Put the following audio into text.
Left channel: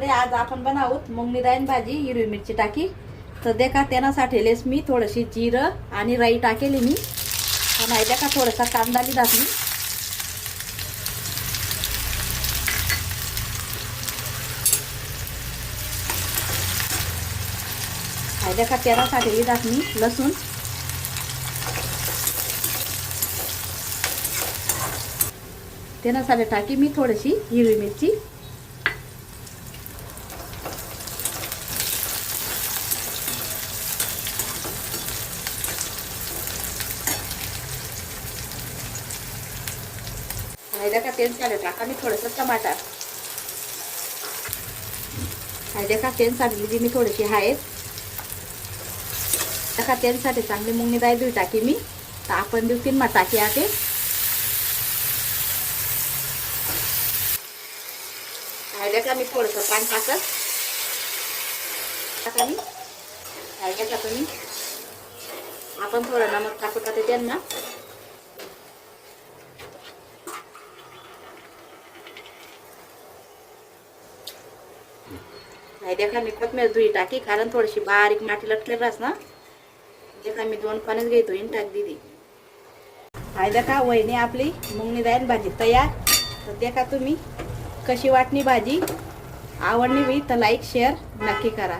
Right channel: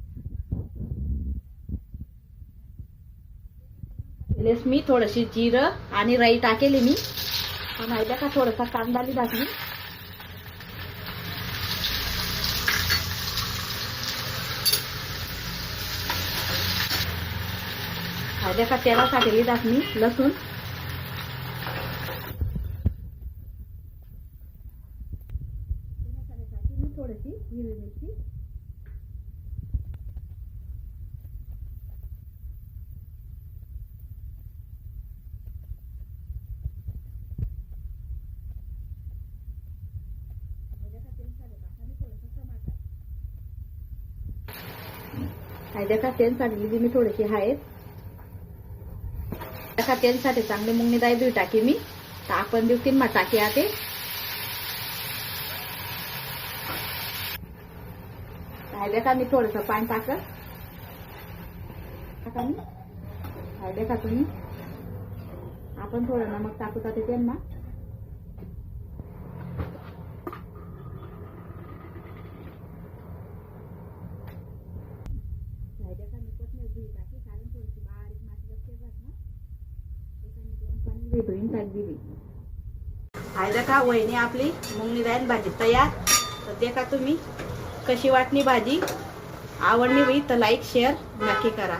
मंडळी, आज आपण बनावत मुंगनी डाळ भाजी हिरवी मिरची टाकी। तर देखा त्यासाठी लेस मी थोडीशी जिरं आणि राई टाकेली मी आणि देखा थोडासा कांदा लिहिला मी। देखा त्यासाठी लिहिला मी लसूण, त्यासाठी टाकी मी थोडीशी हिरवी मिरची, देखा त्यासाठी टाका मी थोडंसं टमाटर, देखा त्यासाठी लिहिली मी थोडीशी हळद, देखा त्यासाठी चांगली मुंगनी डाळ धुई टाकी मी। तर आपण देऊ 3 टाकी आते। देखा मी थोडंसं पाणी टाकत टाका मी। देखा तुम्ही आपण थोडं नमक टाकू टाकते त्यांना। देखा मी कोथमीर धुई टाकी, कारण थोडीशी बारीक माती लटके रास ना। देखा मी 2 पाण्यात घे धुईन टाक दिली। देखा वहिनी आपली मुंगनी डाळ भाजी तयार। तर देखा तुम्ही कशी वाटणी भाजी, आवडली तर लाईक शेअर नक्की करा।